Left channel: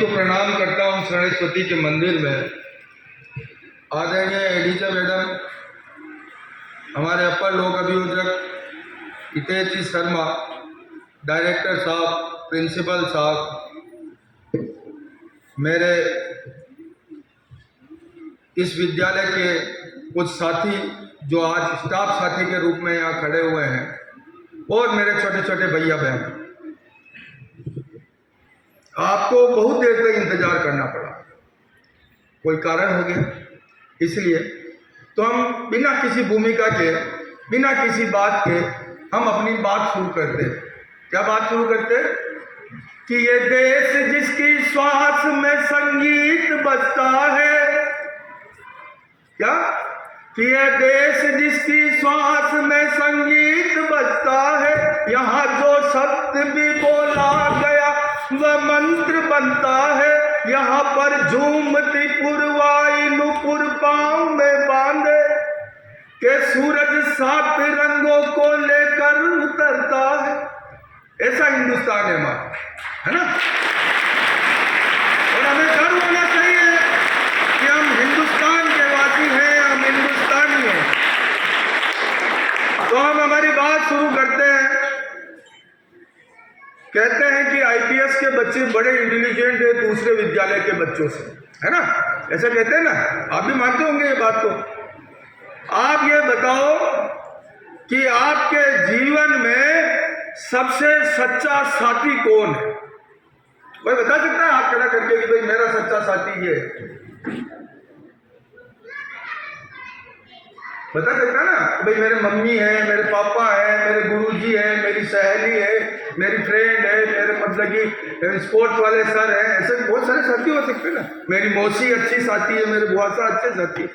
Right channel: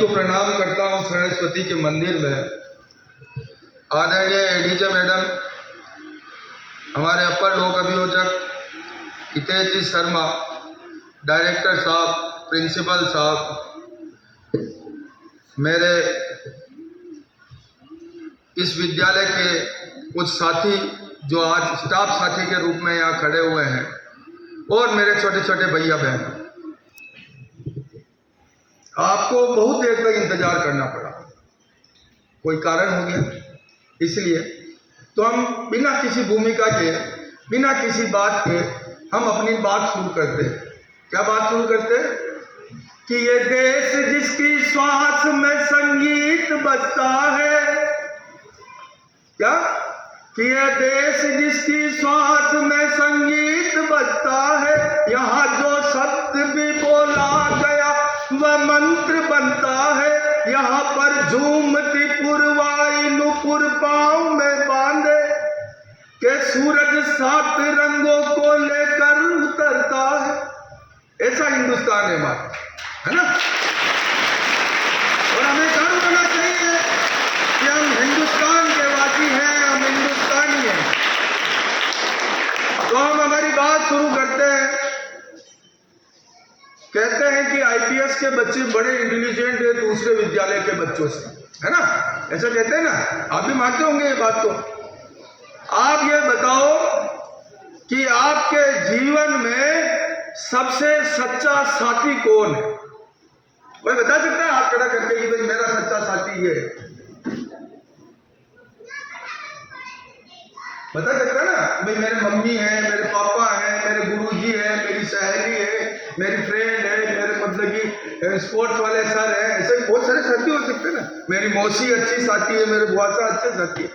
को प्रणाम करता हूँ सरस्वती के मंदिर में। आदरणीय एडीजे मैडम, हमारे अपर लोक अभियोजक हितेश जी शर्मा, डायरेक्टर साहब, प्रिंसिपल साहब, मेरे इस विद्यालय के कुछ साथी जो आज स्टाफ साथी के रूप में यहाँ खड़े हुए हैं, और मेरे छोटे छोटे भैया बहन, आपको बहुत देर तक इंतजार करना पड़ा, कोई कारण हो गया, इसलिए तो हम बिना किसी भूमिका के, बिना किसी बात के हम अपनी बात शुरू करते। क्या बात शुरू करते? कि ये देश जिसकी श्वास में संगीत बजता है, क्या? कि ये देश जिसकी श्वास में संगीत बजता है, यहाँ जो सत्य भी बोला गया वह मंत्र बनता है। यहाँ पर झूमती पुरवाई नुपुर पाँव में बांधे के सूरज 7 रंगों को लेकर उतरता है। ऐसा हिंदुस्तान है हमारा, है ना? और हमें गर्व होना चाहिए कि हम हिंदुस्तान के वासी हैं, हम हिंदुस्तानी हैं। तो हम हमारी बात शुरू करते हैं। कहते हैं कि आईपीएस के बच्चे बड़े इंटेलिजेंट है दूसरे विद्यालय के बच्चों से, है ना? ऐसा कहते हैं ना? आप भी मानते होंगे ये बात को। आप ये बताओ कि आपके जीवन में सबसे सच्चा साथी कौन है? कोई बता सकता है हाथ खड़ा करके कि भाई मेरा सच्चा साथी ये है? बता सकता ना? भाई मेरे मम्मी है, मेरे पापा है, मेरे गुरुजी है, मेरी सहेली है, मेरी फ्रेंड है, मेरे मतलब कि स्पोर्ट्स वाले सर हैं। ऐसे बहुत सारे साथी हो सकते हैं ना। मेरी मौसी अच्छी साथी है, मेरे बुआ सा अच्छे साथी है।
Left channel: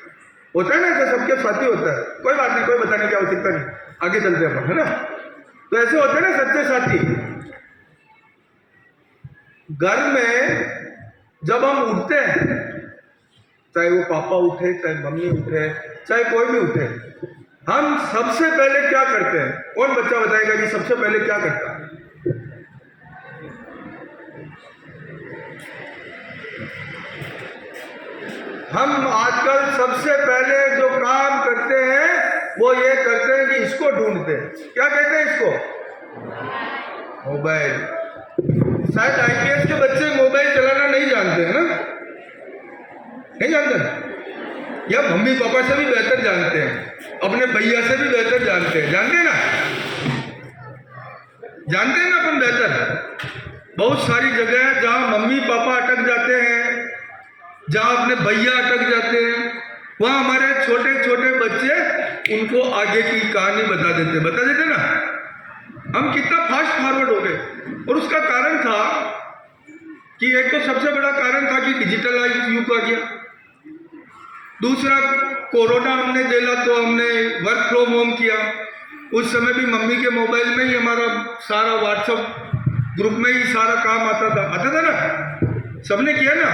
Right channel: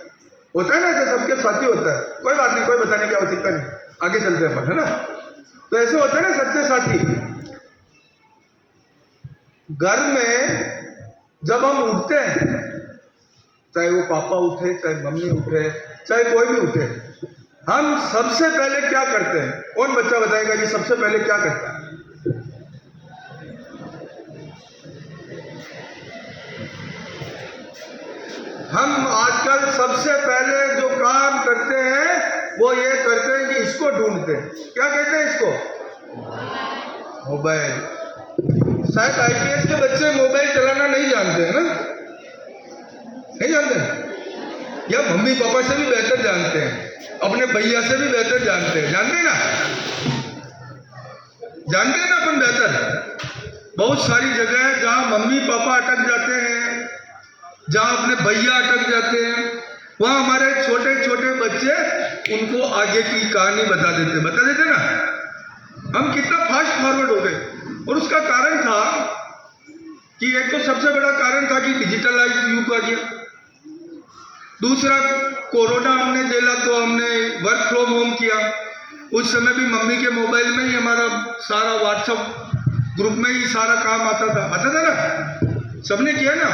होता है ना, ऐसे सबके साथी होता है। कोई बात नहीं, कोई बताने की आवश्यकता नहीं, आगे चलते अपन, है ना? तो ऐसे होते हैं ना सच्चे साथी। घर में जब हम उठते हैं, चाहे वो पापा उठे, चाहे मम्मी उठे, चाहे कोई भी उठे, हम सबसे पहले क्या करते हैं? कौन बच्चा बताएगा कि सबसे पहले क्या करता है? हम आजकल सबसे पहले जो काम करते हैं वो ये करते हैं कि इसको ढूंढते हैं। क्या कहते हैं इसको? मोबाइल। शायद आईपीएस के बच्चे मोबाइल चलाना नहीं जानते हैं ना? नहीं जानते? या मम्मी पापा से भी बेहतर जानते हैं, अपने भैया से भी बेहतर जानते हैं। जानते हैं ना? जानते हैं ना अपन बेहतर। बहुत सारी जगह है जहाँ मम्मी पापा अटक जाते हैं, जहाँ अपने भैया अटक जाते हैं, वहाँ हमारे छोटे छोटे बच्चे उनको आगे की कहानी बता देते ना। हम कितना फास्ट फॉरवर्ड हो गए। और उसका कारण था कि एक तो सबसे बड़ा कारण था कि डिजिटलाइज युग आ गया। दूसरा, कोरोना हमने झेला तो हमने वर्क फ्रॉम होम किया। उस समय भी मम्मी के मोबाइल में ही हमारा सारा व्हाट्सएप ग्रुप में ही सारा काम आता था ना? सबने किया ना।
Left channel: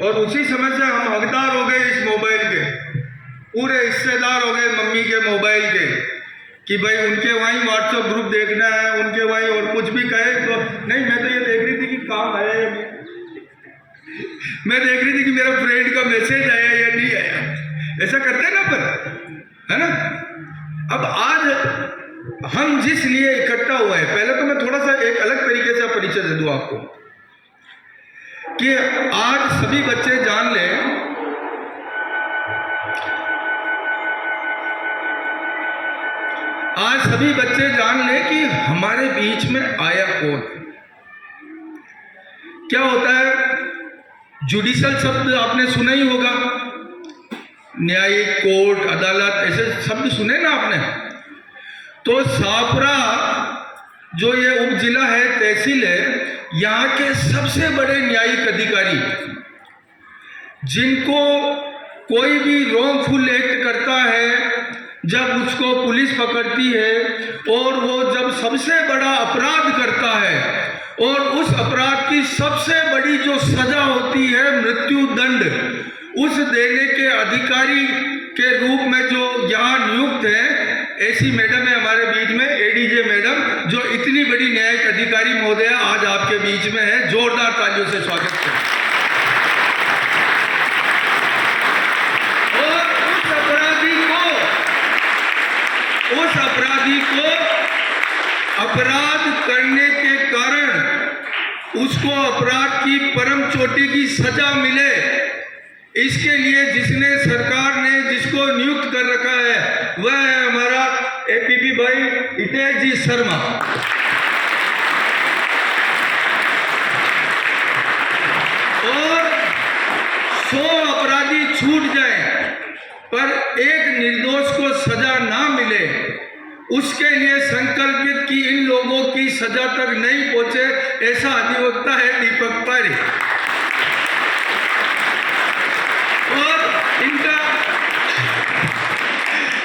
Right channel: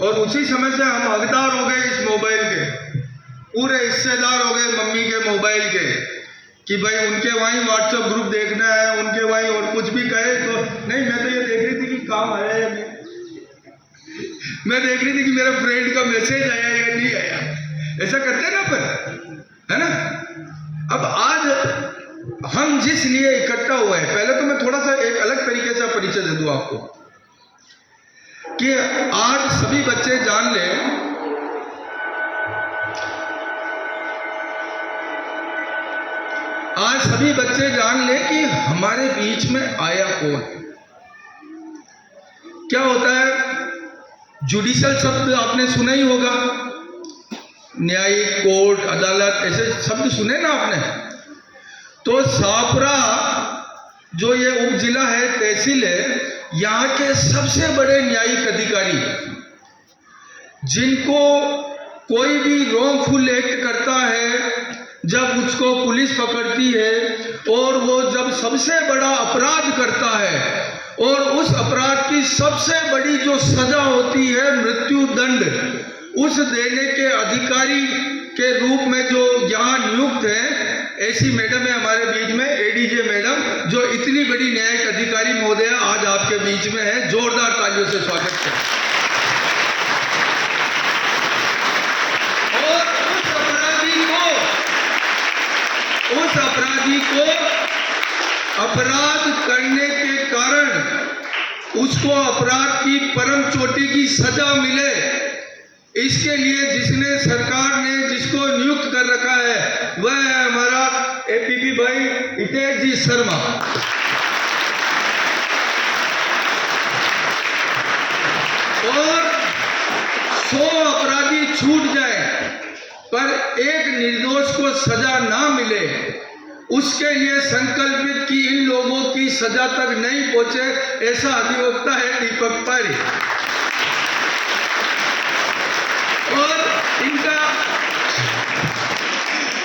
और उसी समय से हम हकदार हो गए इस मोबाइल के, पूरे हिस्सेदार हो गए मम्मी के मोबाइल के, कि भाई उनके वहीं व्हाट्सएप ग्रुप देखना है, उनके वहीं, और कुछ भी कहे तो नहीं, मैं तो ये देख रही थी कि काम आया या नहीं, मैं देख रही थी कि मेरा फ्रेंड का मैसेज आया या नहीं आया। ऐसा करते हैं ना अपन, है ना? अब आज हम जिस लिए इकट्ठा हुए हैं, पहले तो मैं थोड़ा सा एक अलग तरीके से परिचय दे दूं आपको कि आज सभी बच्चे जान लें, आज सभी बच्चे जान लें कि हमारे बीच में आया कौन है। क्या होता है? जुडिशल शब्द आपने सुना ही होगा, न्यायिक, कोर्ट, अदालत, ऐसे शब्द सुने ना आपने? तो सापरा जो ये उप जिला है, तहसील है, यहाँ के सबसे बड़े न्यायिक अधिकारी, जिनको कोई भी रॉन्गफुल एक्ट करता है, जब उसको पुलिस पकड़ती है और वो जब सबसे बड़ा अपराध करता है और उस अपराध की सबसे बड़ी जो सजा होती है मृत्यु दंड, उस देने के अधिकारी के रूप में जो यहाँ नियुक्त है, ऐसी मैडम है हमारे बीच में, एडीजे मैडम, जो इतनी बड़ी न्यायिक अधिकारी महोदया आज आपके बीच में है। जोरदार तालियों से स्वागत करें। और उस अपराधी को अपराध करने के कारण उसको अपराध की परम चोटी की सजा मिले, इसके लिए जिसने सरकार ने जिसको नियुक्त कर रखा है वह है हमारा एपीपी भाई हितेश जी शर्मा। और 100 अपराधी छूट जाए पर एक निर्दोष को सजा ना मिले, उसके लिए संकल्पित कि इन लोगों की सजा तक नहीं पहुंचे, ऐसा अधिवक्ता है दीपक पारी। और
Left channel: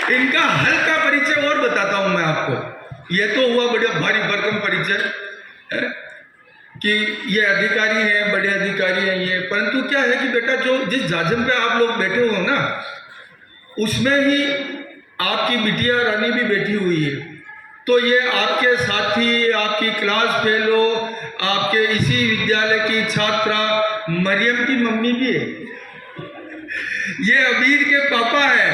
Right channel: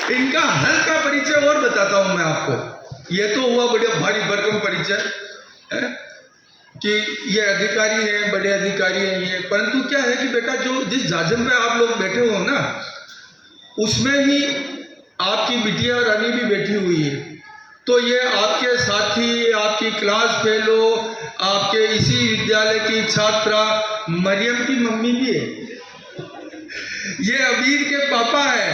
इनका हल्का परिचय और बताता हूं मैं आपको। ये तो हुआ बड़े भारी भरकम परिचय कि ये अधिकारी हैं, बड़े अधिकारी हैं ये, परंतु क्या है कि बेटा जो जिस जाजन पे आप लोग बैठे हो ना, उसमें ही आपकी बिटिया रानी भी बैठी हुई है। तो ये आपके साथी, आपकी क्लास फेलो, आपके इसी विद्यालय की छात्रा मरियम की मम्मी भी है, ये अबीर के पापा है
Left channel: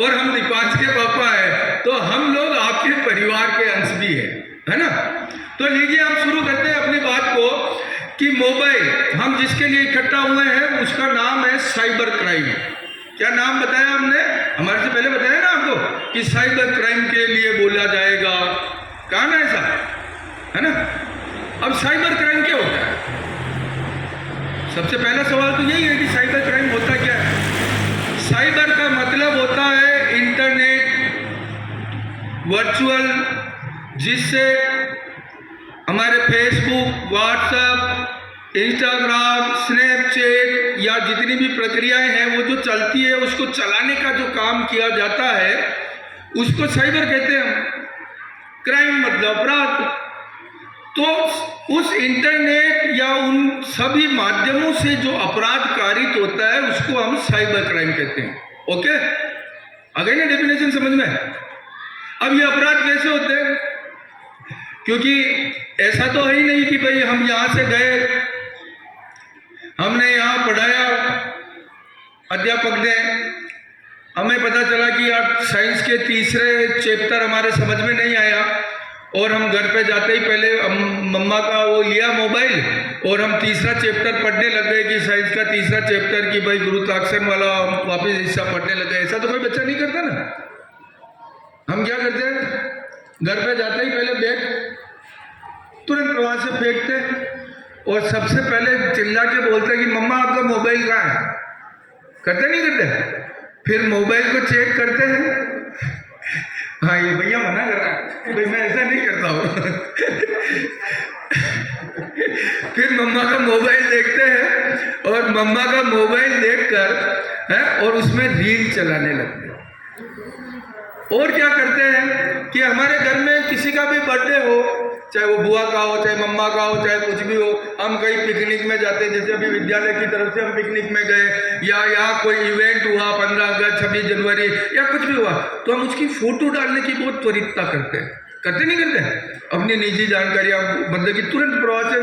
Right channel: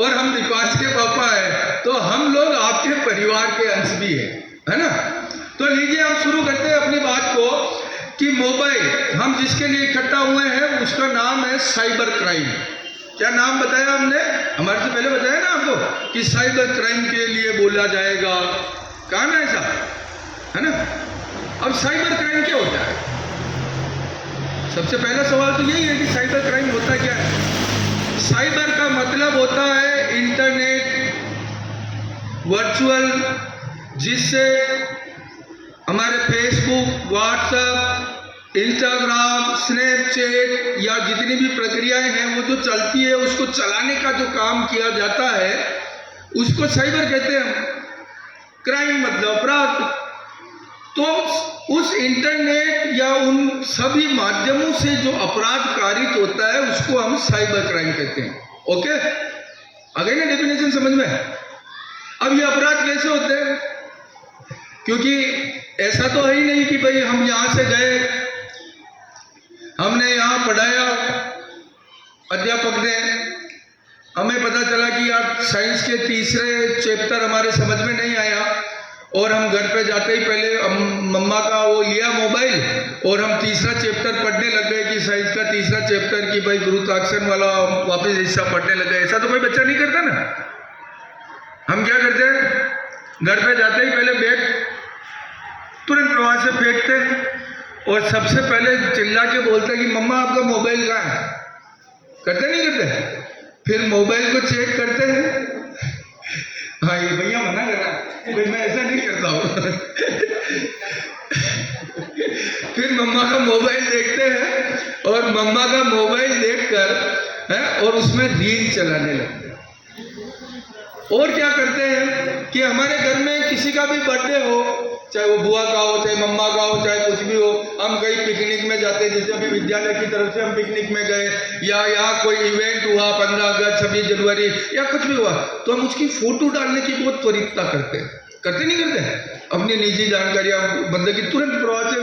और हम दीपांश के पापा है, तो हम लोग आपके परिवार के अंश भी है ना। तो लीजिए हम शुरू करते हैं अपनी बात को कि मोबाइल हम जिसके लिए इकट्ठा हुए हैं उसका नाम है साइबर क्राइम। क्या नाम बताया हमने? हमारे से पहले बताया ना आपको कि साइबर क्राइम के लिए बोला जाएगा, कहा ना ऐसा, है ना। अब साइबर क्राइम क्या होता है? सबसे पहला सवाल तो यही है कि साइबर क्राइम होता क्या है। साइबर का मतलब होता है इंटरनेट, वर्चुअल, जिससे हमारे फेसबुक, व्हाट्सएप, इंस्टाग्राम, स्नैपचैट या जितनी भी प्रक्रियाएं हैं वो जो चलती है उसको चलाने का जो काम किया जाता है उसको साइबर कहते हैं। क्राइम मतलब अपराध। तो उस इंटरनेट या उन सभी माध्यमों से जो अपराध कारित होता है उसको हम साइबर क्राइम कहते हैं। ओके, आ गई ना डेफिनेशन समझ में? अब ये अपराध कैसे होते हैं? क्योंकि ऐसा तो है ही नहीं कि भाई हम यहां से गए, हमने यहाँ पढ़ाया, अध्यापक ने हमें पता चला कि यार साइंस के तीसरे चैप्टर हमारे समझ में नहीं आया और हम घर पे जाते ही पहले मम्मा का वो लिया मोबाइल और हम तीसरा चैप्टर पढ़ने लग गए कि साइंस का तीसरा चैप्टर कि भाई गुरुत्वाकर्षण वाला वापस हिस्सा पढ़ने लग गए। ऐसा तो कोई बच्चा नहीं करता ना। हम क्या करते हैं, घर पे जाते ही पहले बैग तुरंत प्रवाह से फेंकते और सबसे पहले चिल्ला के बोलते कि मम्मा आपका मोबाइल कहाँ है? करते नहीं करते? फिर मोबाइल को चेक करते हैं, हाँ ये भैया मना कर रहा है, भाई मैं ऐसा नहीं करता हूँ। फिर मम्मा का मोबाइल देखते हैं और मम्मा का मोबाइल देखकर और उसमें रील चलाने लगते हैं। और क्या करते हैं कि हमारे घर में किसी का भी बर्थडे हो, चाहे वो बुआ का हो, चाहे मम्मा का हो, चाहे कुछ भी हो, हम कहीं पिकनिक में जाते हैं, जैसे अभी विद्यालय की तरफ से हम पिकनिक में गए या यहाँ कोई इवेंट हुआ, 15 अगस्त, 26 जनवरी या कुछ भी हुआ, तो हम उसकी फोटो डालने की बहुत त्वरितता करते हैं। करते नहीं करते? अपनी निजी जानकारियाँ बंदे की तुरंत प्रभाव से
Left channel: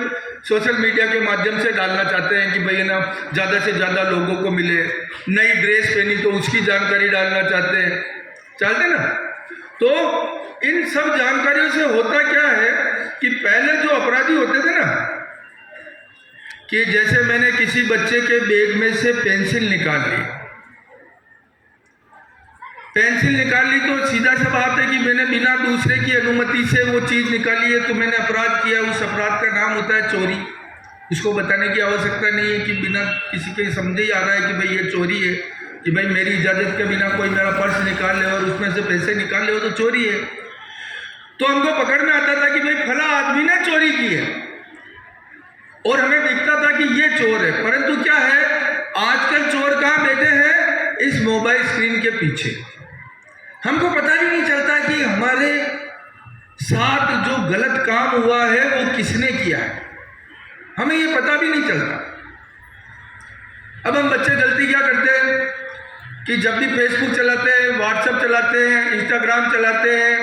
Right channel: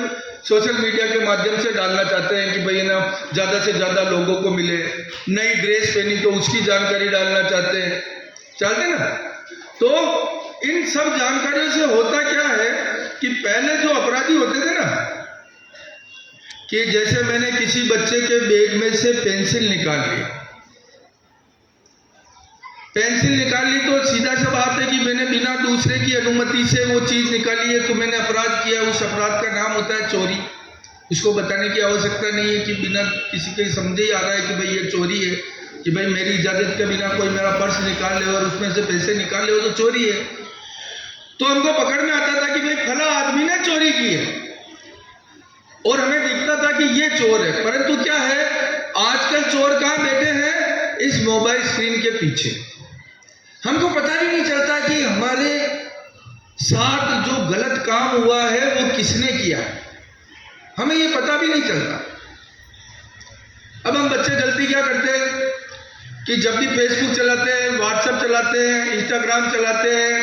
सोशल मीडिया के माध्यम से डालना चाहते हैं कि भाई ना ज़्यादा से ज़्यादा लोगों को मिले। नई ड्रेस पहनी तो उसकी जानकारी डालना चाहते हैं, चलते ना। तो इन सब जानकारियों से होता क्या है कि पहले जो अपराधी होते थे ना, कि जैसे मैंने किसी बच्चे के बैग में से पेंसिल निकाल ली तो सीधा सा बात है कि मैंने बिना दूसरे की अनुमति से वो चीज निकाली है तो मैंने अपराध किया। उस अपराध का नाम होता है चोरी। इसको बताने की आवश्यकता नहीं है कि बिना किसी के समझे ही आ रहा है कि भाई ये चोरी है, कि भाई मेरी इजाजत के बिना कोई मेरा पर्स निकाल ले और उसमें से पैसे निकाल ले, वो तो चोरी है। तो हमको पकड़ में आता था कि भाई फला आदमी ने चोरी की है और हमें दिखता था कि ये चोर है। परंतु क्या है, आजकल चोर कहाँ बैठे हैं? इस मोबाइल स्क्रीन के पीछे। हमको पता भी नहीं चलता कि हमारे साथ जो गलत काम हुआ है वो किसने किया है, हमें ये पता भी नहीं चलता। अब हम बच्चे गलती क्या करते हैं कि जब भी फेसबुक चलाते हैं, व्हाट्सएप चलाते हैं, इंस्टाग्राम चलाते हैं,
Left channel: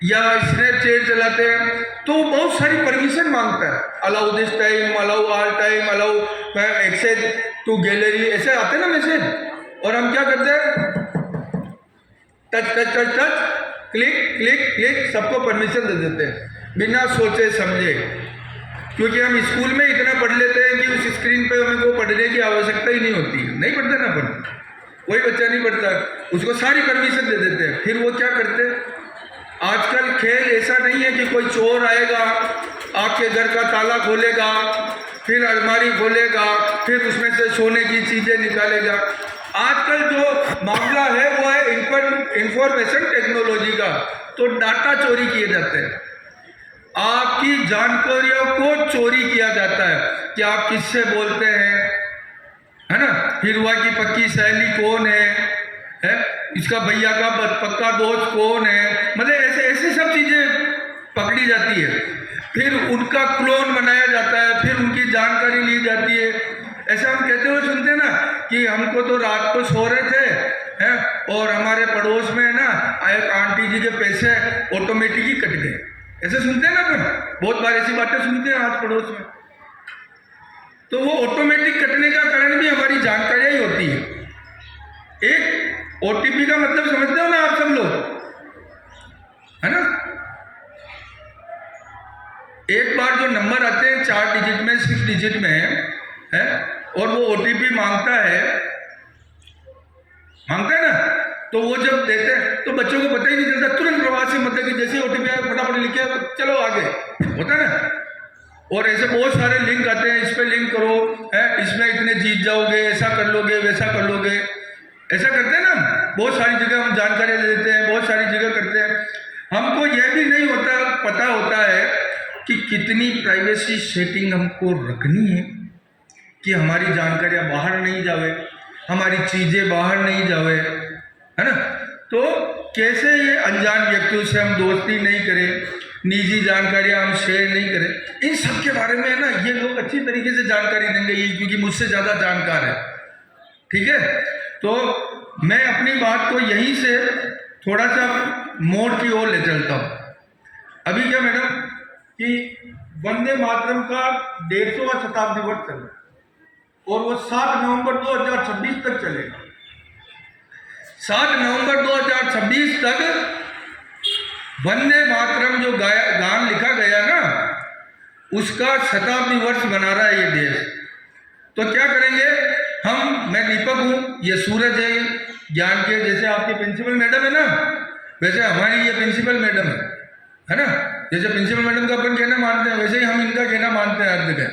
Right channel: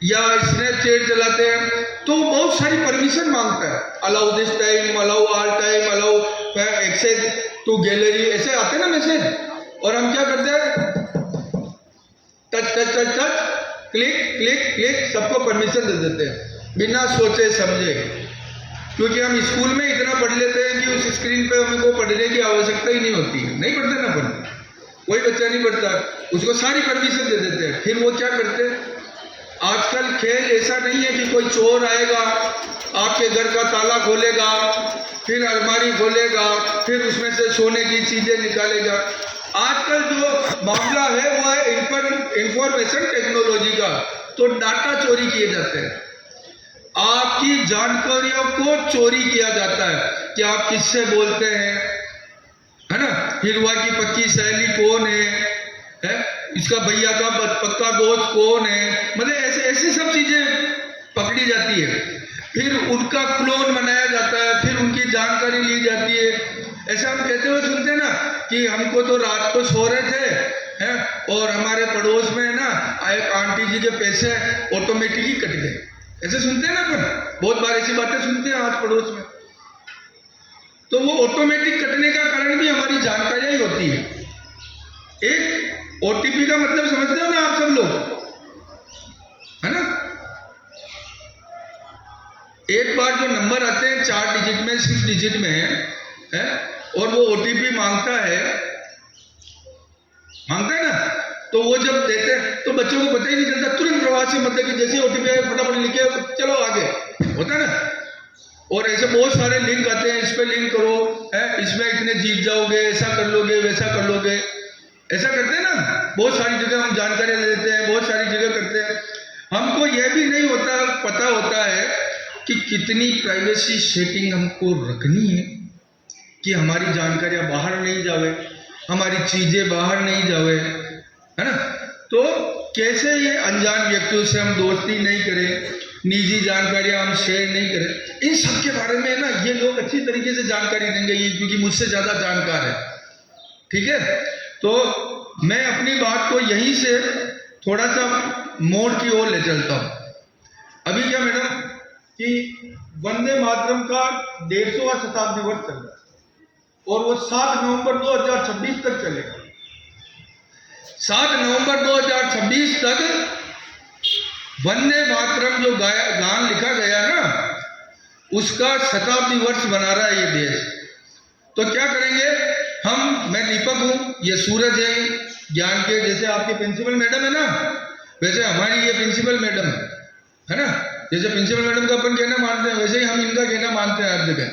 या स्नैपचैट चलाते हैं तो बहुत सारी परमिशन मांगता है, allow this time, allow all time, allow access to gallery, ऐसे आते हैं ना मैसेज। और हम क्या करते हैं, touch touch touch touch, click click click, सबको परमिशन दे देते हैं बिना सोचे समझे, क्योंकि हम स्कूल में इतना पढ़ लेते हैं कि उस स्क्रीन पे हमको पढ़ने की आवश्यकता ही नहीं होती है, नहीं पढ़ते ना पढ़ते, कोई बच्चा नहीं पढ़ता, उसको सारी परमिशन दे देते हैं। फिर वो क्या करते हैं, आजकल खेल ऐसा नहीं है कि कोई चोर आएगा आपके घर का ताला खोलेगा, फिर अलमारी खोलेगा, फिर उसमें से सोने की चीजें निकालेगा। आजकल जो मामला है वो है इंफॉर्मेशन टेक्नोलॉजी का, तो डाटा चोरी किए जाते हैं, आपकी जानकारियों को चोरी किया जाता है कि आप किससे बोलते हैं, है ना, हिरवा की पक्की सहेली कौन है, इसका भैया का पक्का दोस्त कौन है, मतलब ऐसे ऐसे सब चीजें पकड़ी जाती है। फिर उनका क्लोन बनाया जाता है, फिर उनकी जानकारी ली जाती है। ऐसा हम कहते हुए सुनते हैं ना कि हमको तो रात को सो रहे थे हैं और हमारे पड़ोस में ना एक आंटी जी के पैसे ऑटोमेटिक ही कट गए, ऐसे सुनते हैं ना, अपन बहुत बार ऐसी बातें सुनते हैं आज पड़ोस में। तो वो ऑटोमेटिक कटने का कारण भी हमारी जानकारियां ही होती है। एक ओटीपी का मतलब समझते हो ना आप सब लोग, है ना, एक बार जो नंबर आते हैं 4 डिजिट में, 6 डिजिट में है, और वो ओटीपी मांगता है ना, तो वो जब देते हैं तो बच्चों को पता ही नहीं चलता, तुरंत प्रवास से मतलब कि जैसे ओटीपी आए फटाफट लिखे चलो आगे, होता है ना। और ऐसे बहुत सारे लिंक आते हैं, इस पे लिंक करो, है इसमें इतने जीत जाओगे, ऐसा कर लोगे, वैसा कर लोगे, ऐसा करते हैं ना, बहुत सारी जगह हम जानकारी दे देते हैं, बहुत सारी जगह करते हैं। हमको यह भी नहीं होता, पता होता है कि कितनी प्राइवेसी सेटिंग हमको रखनी है कि हमारी जानकारियां बाहर नहीं जावे, हमारी चीजें बाहर नहीं जावे, है ना। तो कैसे ये अनजान व्यक्तियों से हम दोस्ती नहीं करें, निजी जानकारियां हम शेयर नहीं करें, इन सब के बारे में ना ये लोग अच्छी तरीके से जानकारी देंगे, ये क्योंकि मुझसे ज्यादा जानकार है, ठीक है। तो मैं अपनी बात को यहीं से थोड़ा सा मोड़ की ओर ले चलता हूं। अभी क्या मैडम कि वंदे मातरम का 150वां शताब्दी वर्ष चल रहा है और वो 7 नवंबर 2026 तक चलेगा। 7 नवंबर 2026 तक वंदे मातरम जो गान लिखा गया ना, उसका शताब्दी वर्ष मना रहा है ये देश। तो क्या करेंगे हम, मैं दीपक हूँ, ये सूरज है ज्ञान के, जैसे आपके प्रिंसिपल मैडम है ना, वैसे हमारी ये प्रिंसिपल मैडम है ना, जैसे प्रिंसिपल मैडम का अपन कहना मानते हैं वैसे ही हम इनका कहना मानते हैं हर जगह।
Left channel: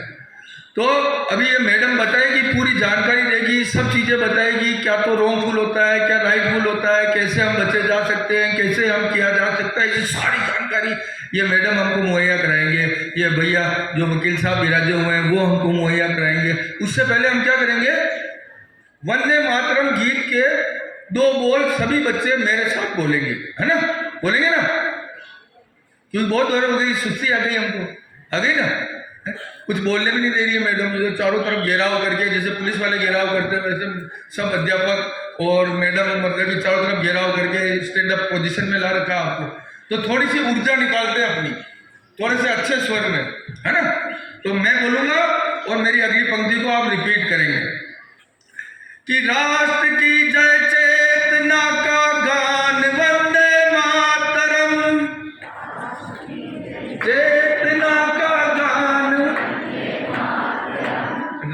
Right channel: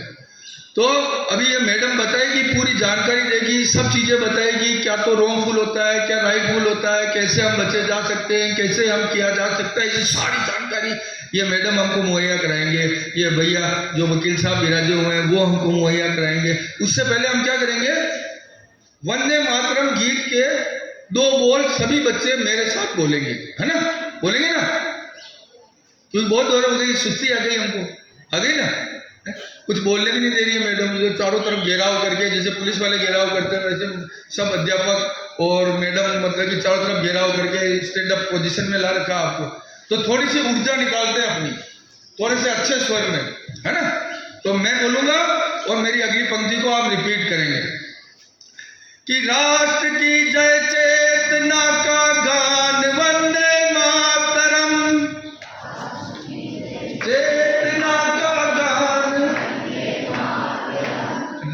तो अभी ये मैडम बताएगी, पूरी जानकारी देगी, सब चीज़ें बताएगी, क्या तो रॉन्गफुल होता है, क्या राइटफुल होता है, कैसे हम बचे जा सकते हैं, कैसे हम किया जा सकता है, ये सारी जानकारी ये मैडम हमको मुहैया कराएंगे। ये भैया जो वकील साहब विराजे हुए हैं वो हमको मुहैया कराएंगे। उससे पहले हम क्या करेंगे, वंदे मातरम गीत के 2 बोल सभी बच्चे मेरे साथ बोलेंगे, है ना, बोलेंगे ना, क्योंकि बहुत देर हो गई, सुस्ती आ गई हमको, आ गई ना, कुछ बोलने भी नहीं दे रही है मैडम, जो चारों तरफ घेराव करके, जैसे पुलिस वाले घेराव करते हैं वैसे सब अध्यापक और मैडम मतलब कि चारों तरफ घेराव करके स्टैंड अप पोजीशन में ला रखा है आपको। तो थोड़ी सी ऊर्जा निकालते हैं अपनी, थोड़े से अच्छे स्वर में, है ना। तो मैं बोलूंगा और मेरी अगली पंक्ति को आप रिपीट करेंगे कि राष्ट्र की जय चेतना का गान वंदे मातरम, चेतना का गान,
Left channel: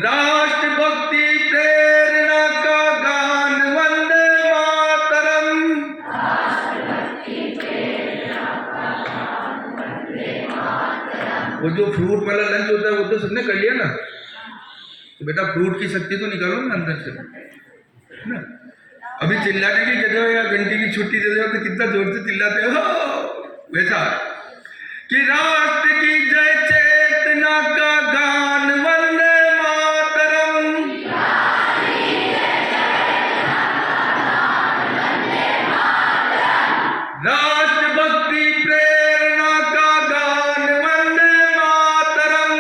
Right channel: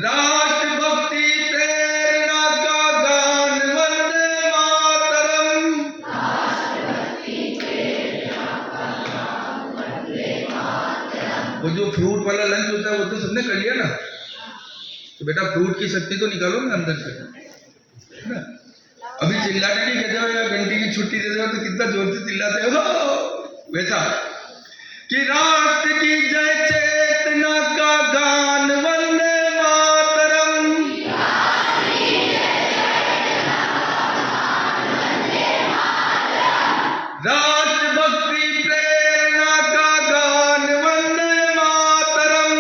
राष्ट्रभक्ति प्रेरणा का गान वंदे मातरम, वो जो फ्रूट वाला लंच होता है वो तो सबने कर लिया ना, तो बेटा फ्रूट की शक्ति तो निकालो ना अंदर से, है ना। अभी चिल्लाने की जगह या घंटी की छुट्टी दे दो तो कितना जोर से चिल्लाते हो, वैसा कि राष्ट्र की जय चेतना का गान वंदे मातरम, राष्ट्रभक्ति प्रेरणा का गान वंदे मातरम,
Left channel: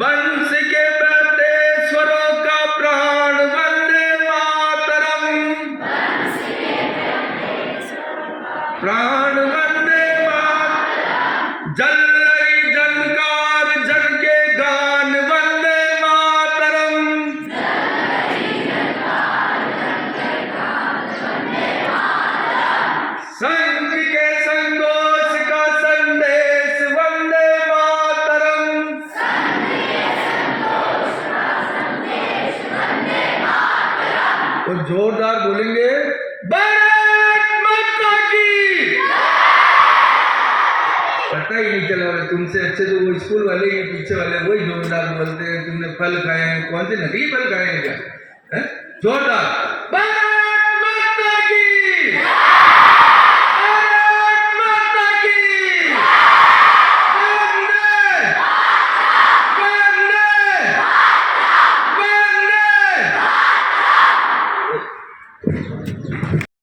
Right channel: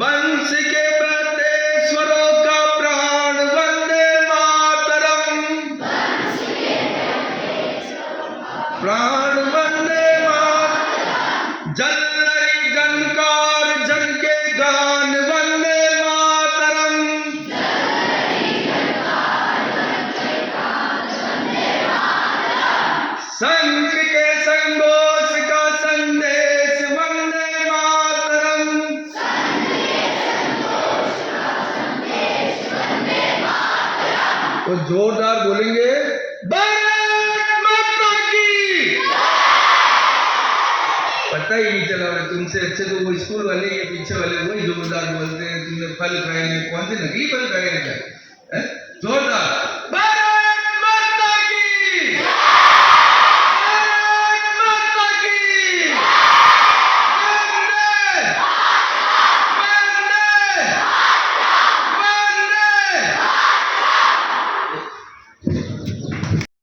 वंश के बहते स्वरों का प्राण वंदे मातरम, के संतोष का संदेश वंदे मातरम। और जोरदार बोलेंगे भारत माता की। पता ही नहीं चला भाई, तुमसे अच्छे तो वो स्कूल वाले के पीछे वाले वही जोरदार बोलते हैं। तुमने फल खाए हैं, कौन से नकली फल खाए हैं क्या? जोरदार